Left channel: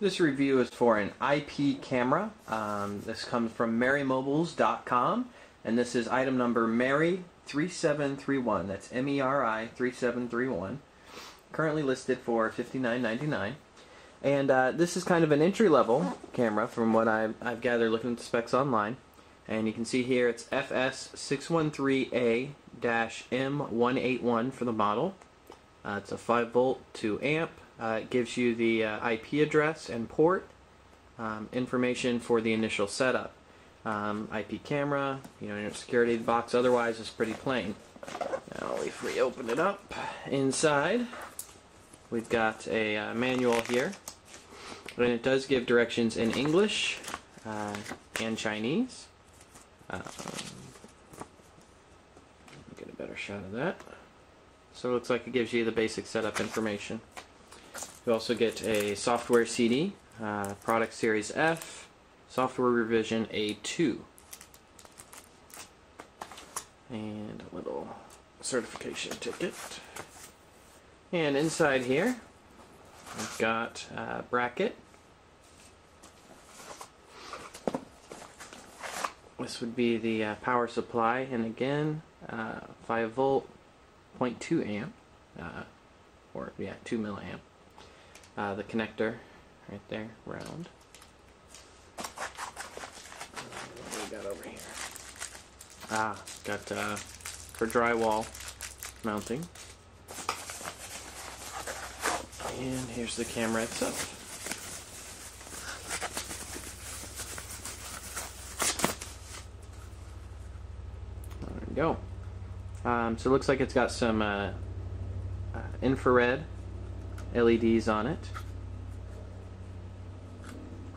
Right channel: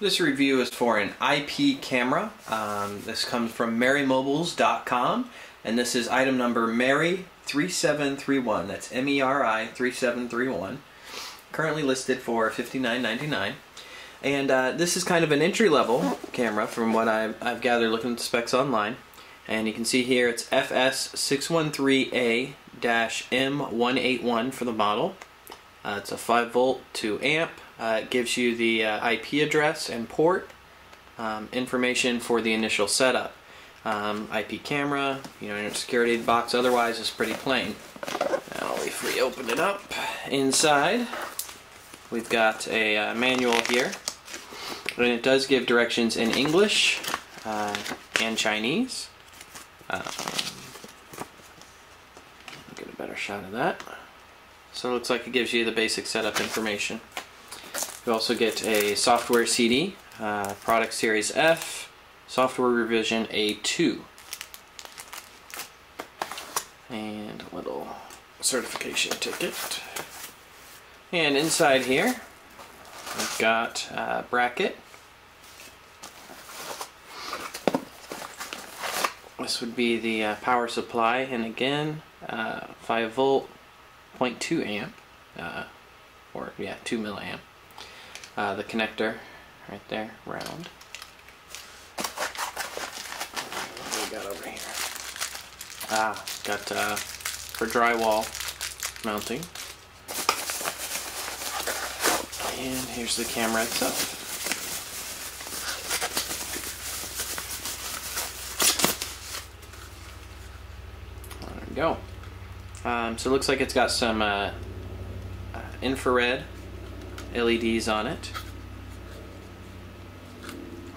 This review is for an IP camera. This comes from MerryMobiles.com, and this is item number Merry3731. That's MERI 3731. Currently listed for $59.99. And this is kind of an entry-level camera from what I've gathered looking at the specs online. And you can see here it's FS-613A-M181 for the model. It's a 5-volt to amp. It gives you the IP address and port, information for the initial setup. IP camera, your security box otherwise is pretty plain. Now if we open it up, inside we've got a manual here, and it does give directions in English and Chinese. Get a better shot of that. So it looks like it gives you the basic setup information. You also get a software CD, product series F, software revision A2, and a little certification ticket. And inside here, we've got a bracket. This would be the power supply, and again, 5 volt, 0.2 amp, or yeah, 2 milliamp. The connector right there, round. What do we got over here? Got for drywall mounting. And here's the camera itself. There we go. So it looks like it's got some infrared LEDs on it.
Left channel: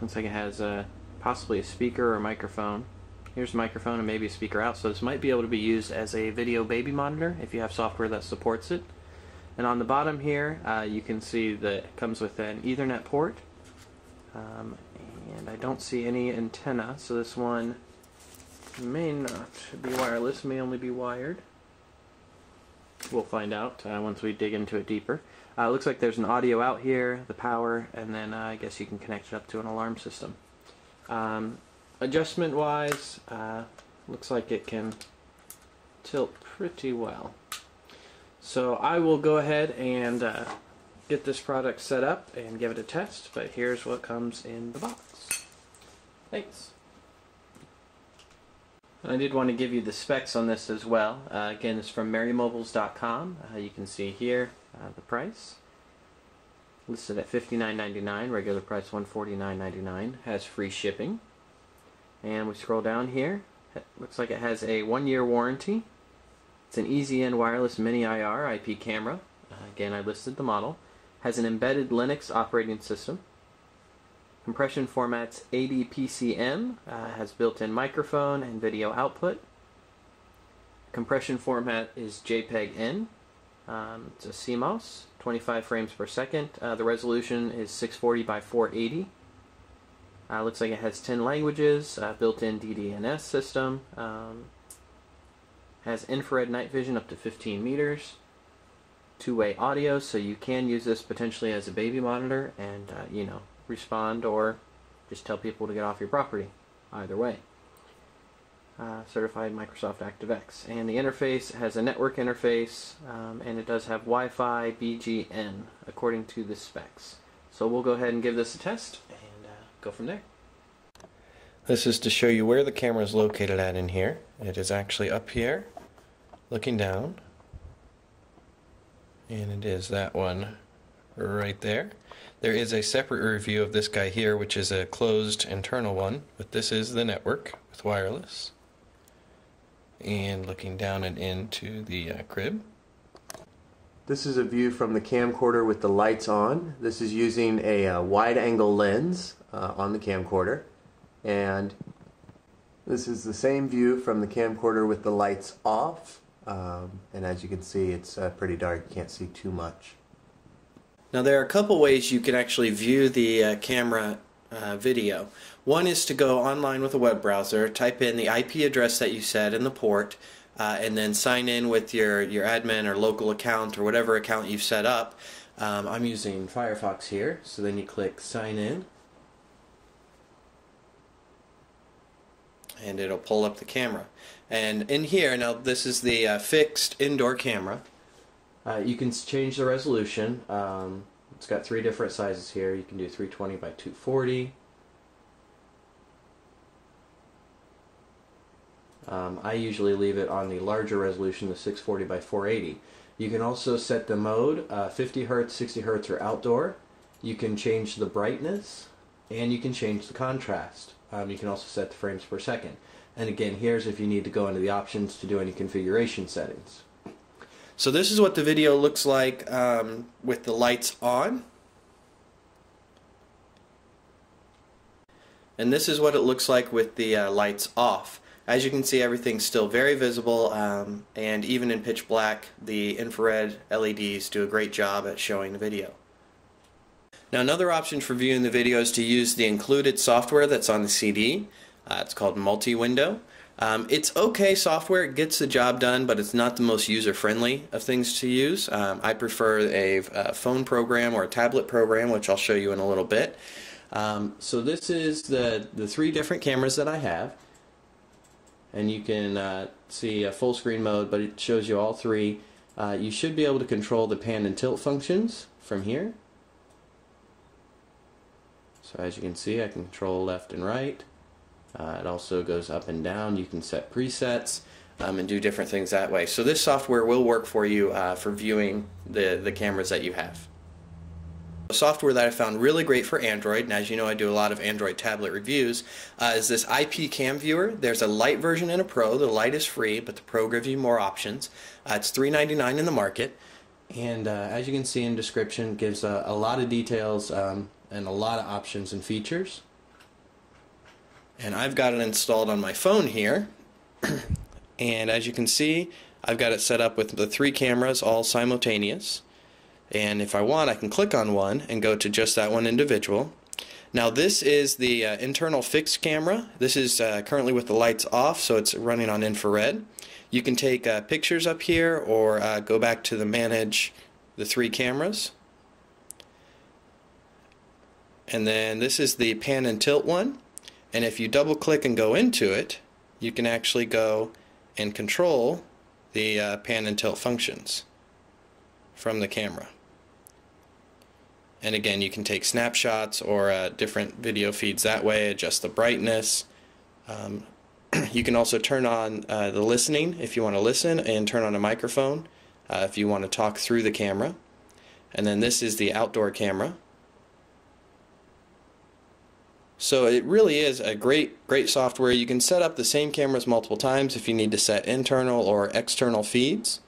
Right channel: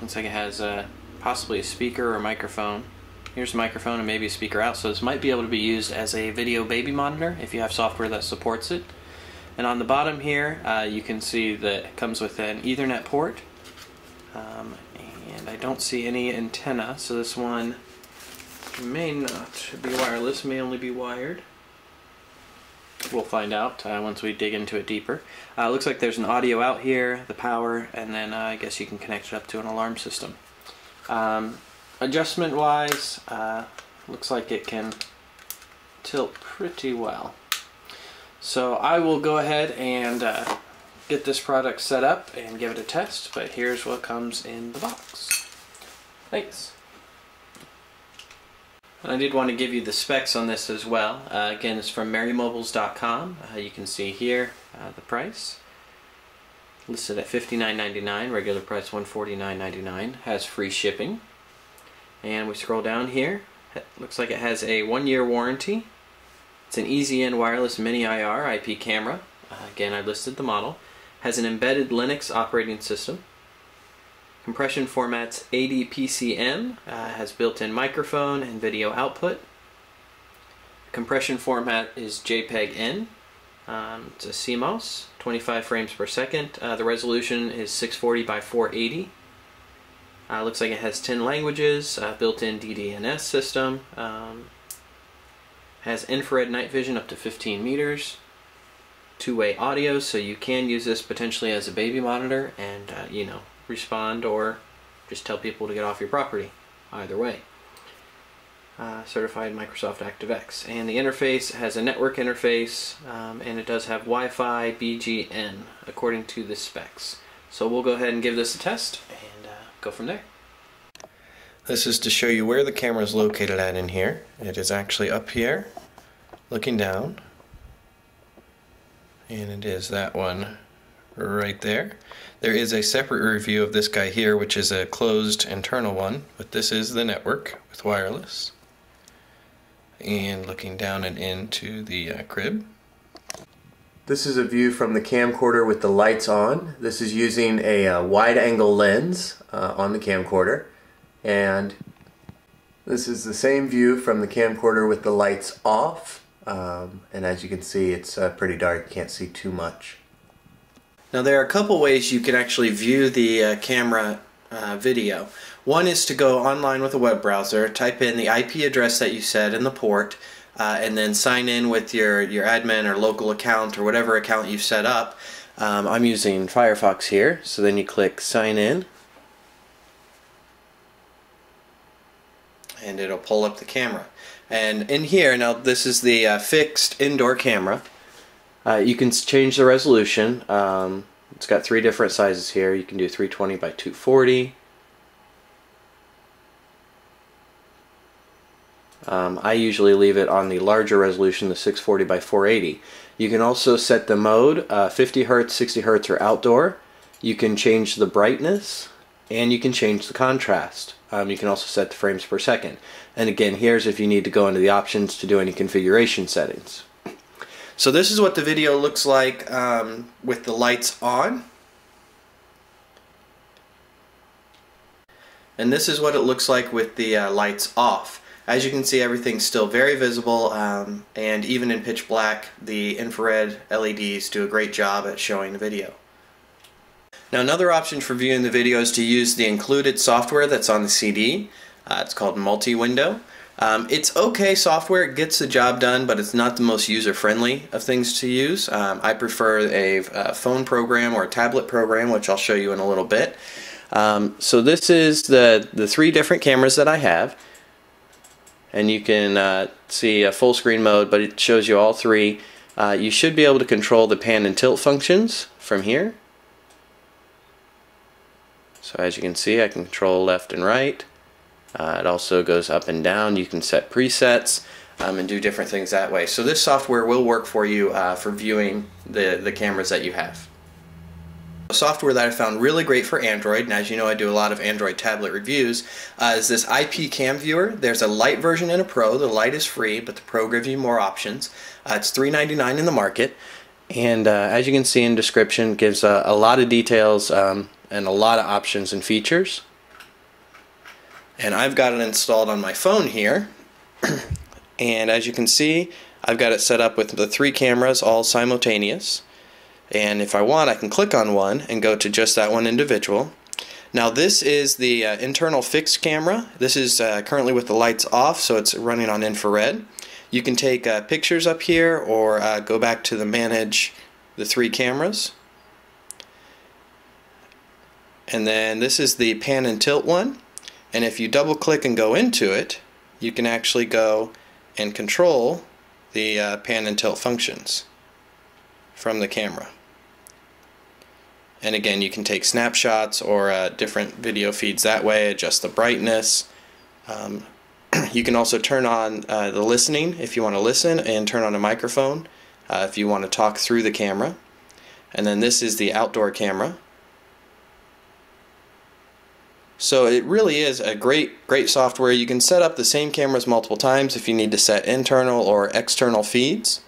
Looks like it has possibly a speaker or a microphone. Here's a microphone and maybe a speaker out, so this might be able to be used as a video baby monitor if you have software that supports it. And on the bottom here you can see that it comes with an Ethernet port, and I don't see any antenna, so this one may not be wireless, may only be wired. We'll find out once we dig into it deeper. Looks like there's an audio out here, the power, and then I guess you can connect it up to an alarm system. Adjustment wise, looks like it can tilt pretty well. So I will go ahead and get this product set up and give it a test, but here's what comes in the box. Thanks. And I did want to give you the specs on this as well. Again, it's from MerryMobiles.com. You can see here the price. Listed at $59.99, regular price $149.99. Has free shipping. And we scroll down here. It looks like it has a 1-year warranty. It's an EasyN wireless mini IR IP camera. Again, I listed the model. Has an embedded Linux operating system. Compression format's ADPCM, has built-in microphone and video output. Compression format is JPEG-N. It's a CMOS, 25 frames per second. The resolution is 640 by 480. Looks like it has 10 languages, built-in Ddns system. Has infrared night vision up to 15 meters. Two-way audio, so you can use this potentially as a baby monitor and, respond or just tell people to get off your property. Either way. Certified Microsoft ActiveX. And the interface has a network interface, and it does have Wi-Fi BGN according to the specs. So we'll go ahead and give this a test and go from there. This is to show you where the camera is located at in here. It is actually up here, looking down. And it is that one right there. There is a separate review of this guy here, which is a closed internal one, but this is the network with wireless. And looking down and into the crib. This is a view from the camcorder with the lights on. This is using a wide-angle lens on the camcorder. And this is the same view from the camcorder with the lights off. And as you can see, it's pretty dark. You can't see too much. Now there are a couple ways you can actually view the camera video. One is to go online with a web browser, type in the IP address that you set in the port, and then sign in with your admin or local account or whatever account you've set up. I'm using Firefox here, so then you click sign in and it'll pull up the camera. And in here, now this is the fixed indoor camera. You can change the resolution. It's got 3 different sizes here. You can do 320 by 240. I usually leave it on the larger resolution, the 640 by 480. You can also set the mode, 50 Hz, 60 Hz, or outdoor. You can change the brightness, and you can change the contrast. You can also set the frames per second. And again, here's if you need to go into the options to do any configuration settings. So this is what the video looks like with the lights on. And this is what it looks like with the lights off. As you can see, everything's still very visible, and even in pitch black, the infrared LEDs do a great job at showing the video. Now, another option for viewing the video is to use the included software that's on the CD. It's called Multi-Window. It's okay software, it gets the job done, but it's not the most user-friendly of things to use. I prefer a phone program or a tablet program, which I'll show you in a little bit. So this is the 3 different cameras that I have. And you can see a full screen mode, but it shows you all 3. You should be able to control the pan and tilt functions from here. So as you can see, I can control left and right. It also goes up and down. You can set presets and do different things that way. So this software will work for you for viewing the cameras that you have. A software that I found really great for Android, and as you know I do a lot of Android tablet reviews, is this IP Cam Viewer. There's a Lite version and a Pro. The Lite is free, but the Pro gives you more options. It's $3.99 in the market, and as you can see in the description, it gives a lot of details and a lot of options and features. And I've got it installed on my phone here, and as you can see, I've got it set up with the 3 cameras all simultaneous. And if I want, I can click on one and go to just that one individual. Now this is the internal fixed camera. This is currently with the lights off, so it's running on infrared. You can take pictures up here or go back to the manage the 3 cameras. And then this is the pan and tilt one. And if you double click and go into it, you can actually go and control the pan and tilt functions from the camera. And again, you can take snapshots or different video feeds that way, adjust the brightness. You can also turn on the listening if you want to listen, and turn on a microphone if you want to talk through the camera. And then this is the outdoor camera. So it really is a great software. You can set up the same cameras multiple times if you need to set internal or external feeds.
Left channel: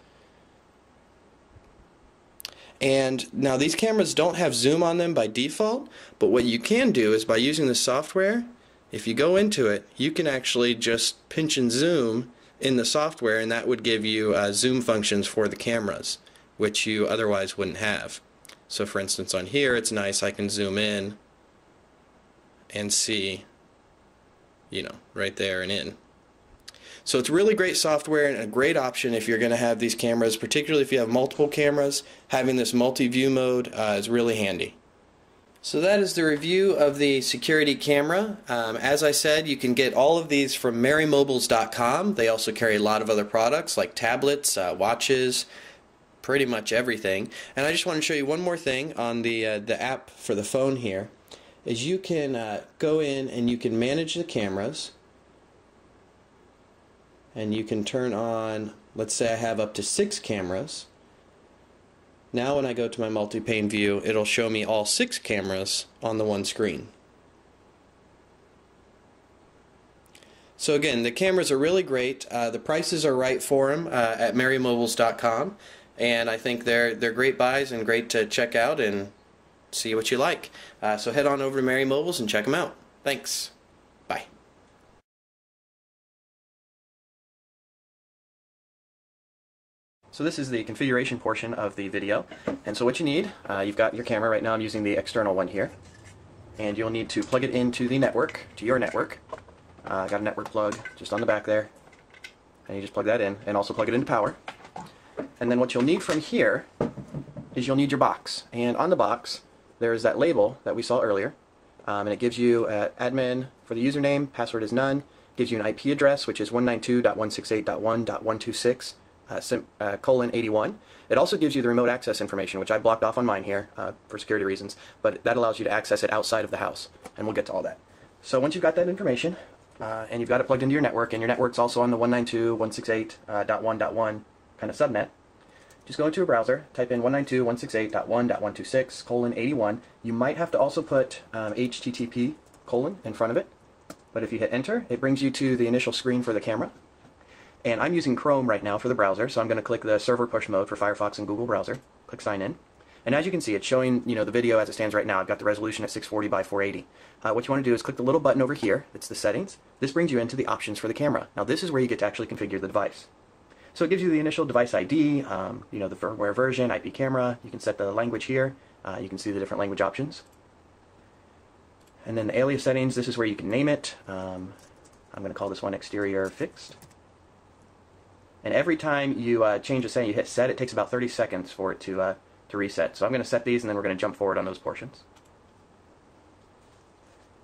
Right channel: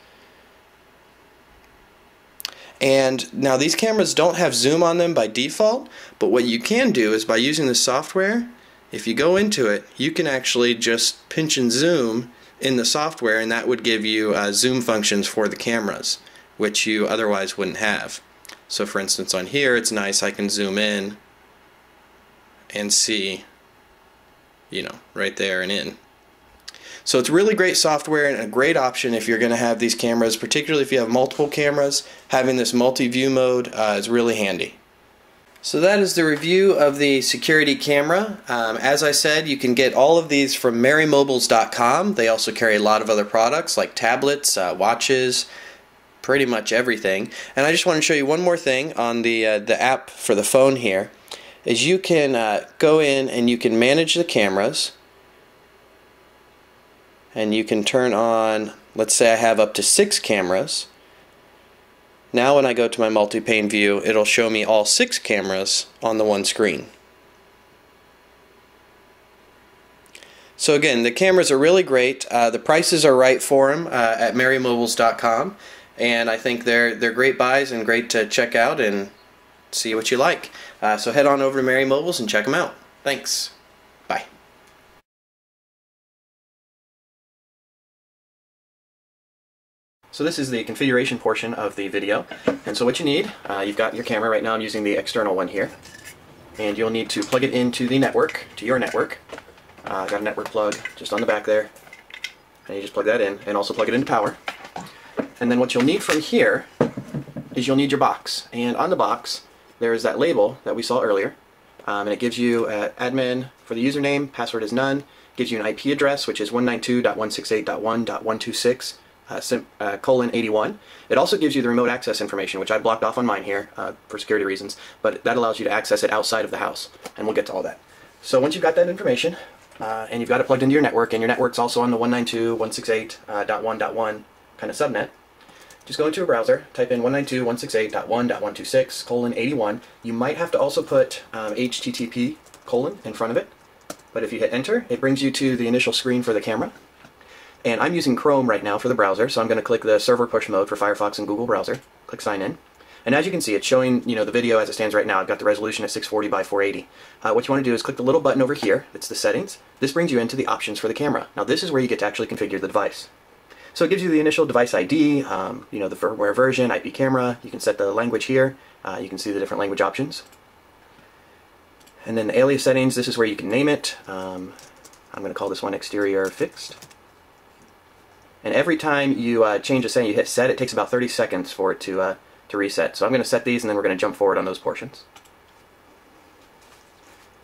And now these cameras don't have zoom on them by default, but what you can do is by using the software, if you go into it, you can actually just pinch and zoom in the software, and that would give you zoom functions for the cameras, which you otherwise wouldn't have. So for instance on here, it's nice, I can zoom in and see, you know, right there and in. So it's really great software and a great option if you're going to have these cameras, particularly if you have multiple cameras. Having this multi-view mode is really handy. So that is the review of the security camera. As I said, you can get all of these from MerryMobiles.com. They also carry a lot of other products like tablets, watches, pretty much everything. And I just want to show you one more thing on the app for the phone here. Is you can go in and you can manage the cameras. And you can turn on, let's say I have up to 6 cameras. Now when I go to my multi-pane view, it'll show me all 6 cameras on the one screen. So again, the cameras are really great. The prices are right for them at MerryMobiles.com, and I think they're great buys and great to check out and see what you like. So head on over to Merry Mobiles and check them out. Thanks. Bye. So this is the configuration portion of the video, and so what you need, you've got your camera. Right now I'm using the external one here, and you'll need to plug it into the network, to your network. I've got a network plug just on the back there, and you just plug that in, and also plug it into power. And then what you'll need from here is you'll need your box. And on the box, there is that label that we saw earlier. And it gives you admin for the username, password is none, gives you an IP address, which is 192.168.1.26/:81. It also gives you the remote access information, which I blocked off on mine here for security reasons, but that allows you to access it outside of the house, and we'll get to all that. So once you've got that information, and you've got it plugged into your network, and your network's also on the 192.168.1.1 kind of subnet, just go into a browser, type in 192.168.1.126::81. You might have to also put HTTP : in front of it, but if you hit enter, it brings you to the initial screen for the camera. And I'm using Chrome right now for the browser, so I'm going to click the server push mode for Firefox and Google browser, click sign in. And as you can see, it's showing, the video as it stands right now. I've got the resolution at 640 by 480. What you want to do is click the little button over here. It's the settings. This brings you into the options for the camera. Now this is where you get to actually configure the device. So it gives you the initial device ID, the firmware version, IP camera. You can set the language here. You can see the different language options. And then the alias settings, this is where you can name it. I'm going to call this one exterior fixed. And every time you change a setting, you hit set, it takes about 30 seconds for it to reset. So I'm going to set these, and then we're going to jump forward on those portions.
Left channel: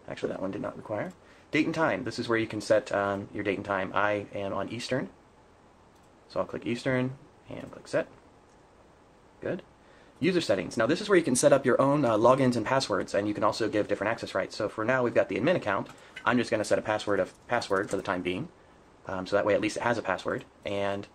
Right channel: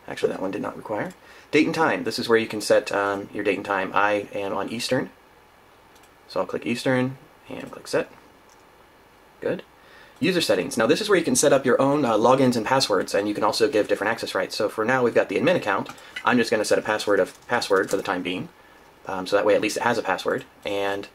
Actually, that one did not require. Date and time. This is where you can set your date and time. I am on Eastern. So I'll click Eastern and click set. Good. User settings. Now this is where you can set up your own logins and passwords, and you can also give different access rights. So for now, we've got the admin account. I'm just going to set a password for the time being. So that way at least it has a password. And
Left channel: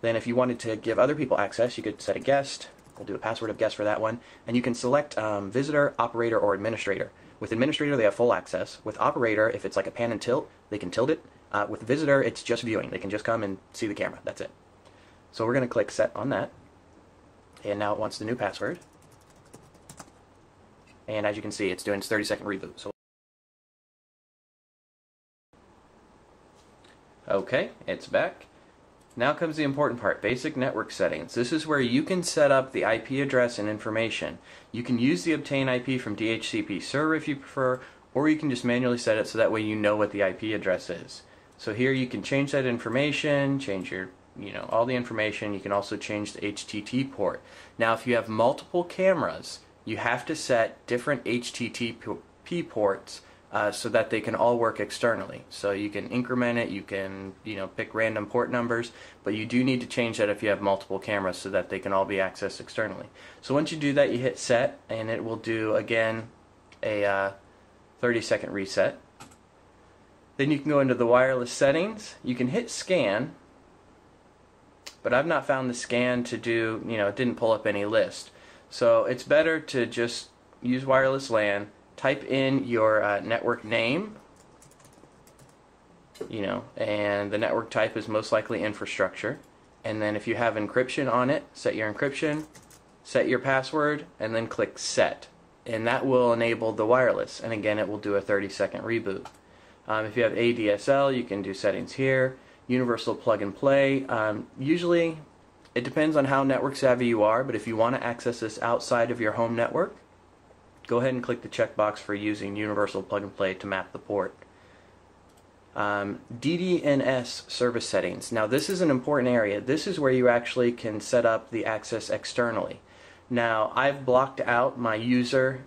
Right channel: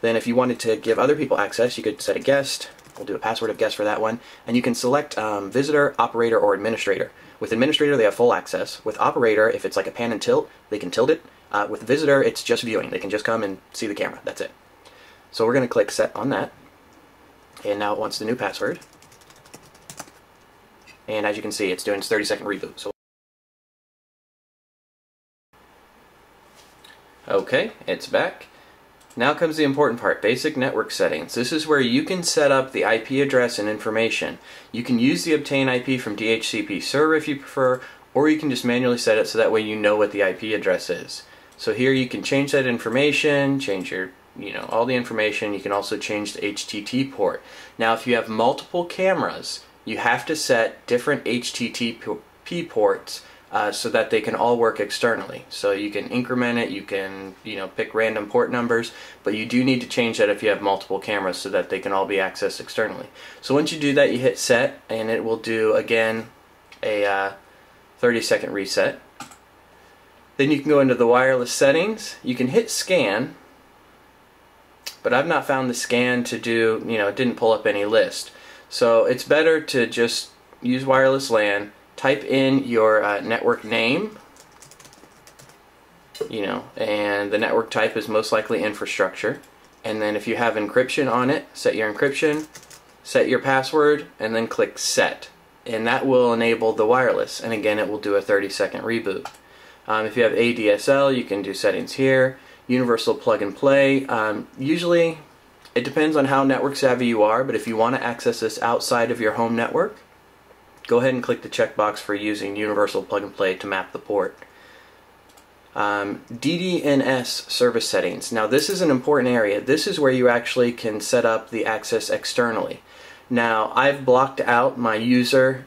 then if you wanted to give other people access, you could set a guest. We'll do a password of guest for that one. And you can select visitor, operator, or administrator. With administrator, they have full access. With operator, if it's like a pan and tilt, they can tilt it. With visitor, it's just viewing. They can just come and see the camera. That's it. So we're going to click set on that. And now it wants the new password. And as you can see, it's doing its 30-second reboot. So okay, it's back. Now comes the important part, basic network settings. This is where you can set up the IP address and information. You can use the obtain IP from DHCP server if you prefer, or you can just manually set it so that way you know what the IP address is. So here you can change that information, change your, all the information. You can also change the HTTP port. Now if you have multiple cameras, you have to set different HTTP ports so that they can all work externally. So you can increment it, you can pick random port numbers, but you do need to change that if you have multiple cameras so that they can all be accessed externally. So once you do that, you hit set, and it will do again a 30-second reset. Then you can go into the wireless settings. You can hit scan, but I've not found the scan to do, it didn't pull up any list. So it's better to just use wireless LAN, type in your network name, and the network type is most likely infrastructure. And then if you have encryption on it, set your encryption, set your password, and then click set. And that will enable the wireless. And again, it will do a 30-second reboot. If you have ADSL, you can do settings here. Universal plug and play. Usually, it depends on how network savvy you are, but if you want to access this outside of your home network, go ahead and click the checkbox for using universal plug and play to map the port. Ddns service settings. Now this is an important area. This is where you actually can set up the access externally. Now I've blocked out my user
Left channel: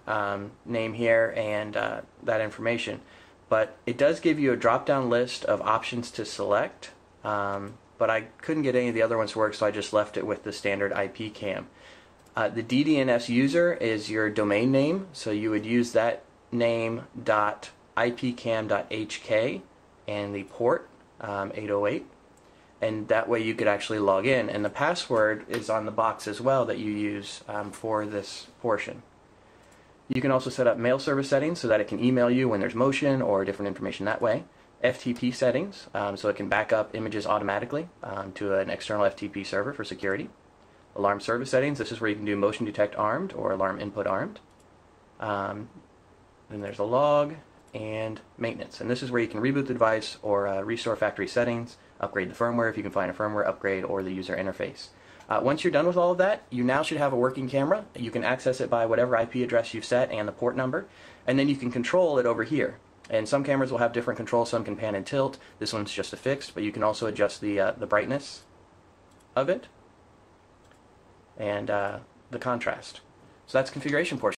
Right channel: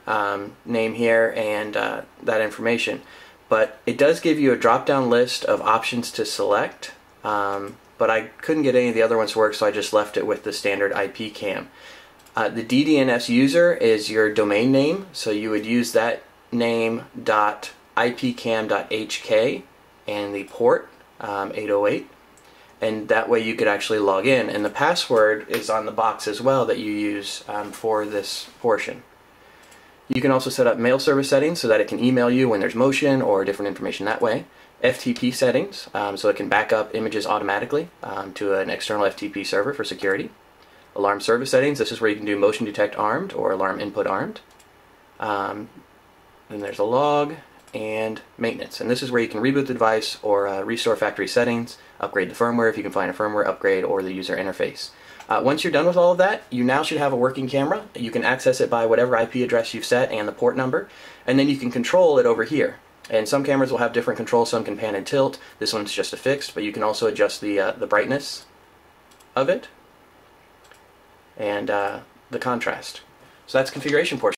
name here and that information, but it does give you a drop-down list of options to select, but I couldn't get any of the other ones to work, so I just left it with the standard IP cam. The DDNS user is your domain name, so you would use that name .ipcam.hk and the port 808, and that way you could actually log in. And the password is on the box as well that you use for this portion. You can also set up mail service settings so that it can email you when there's motion or different information that way. FTP settings, so it can back up images automatically to an external FTP server for security. Alarm service settings, this is where you can do motion detect armed or alarm input armed. Then there's a log and maintenance, and this is where you can reboot the device or restore factory settings, upgrade the firmware if you can find a firmware upgrade, or the user interface. Once you're done with all of that, you now should have a working camera. You can access it by whatever IP address you've set and the port number, and then you can control it over here. And some cameras will have different controls. Some can pan and tilt. This one's just a fixed, but you can also adjust the brightness of it. And the contrast. So that's configuration portion.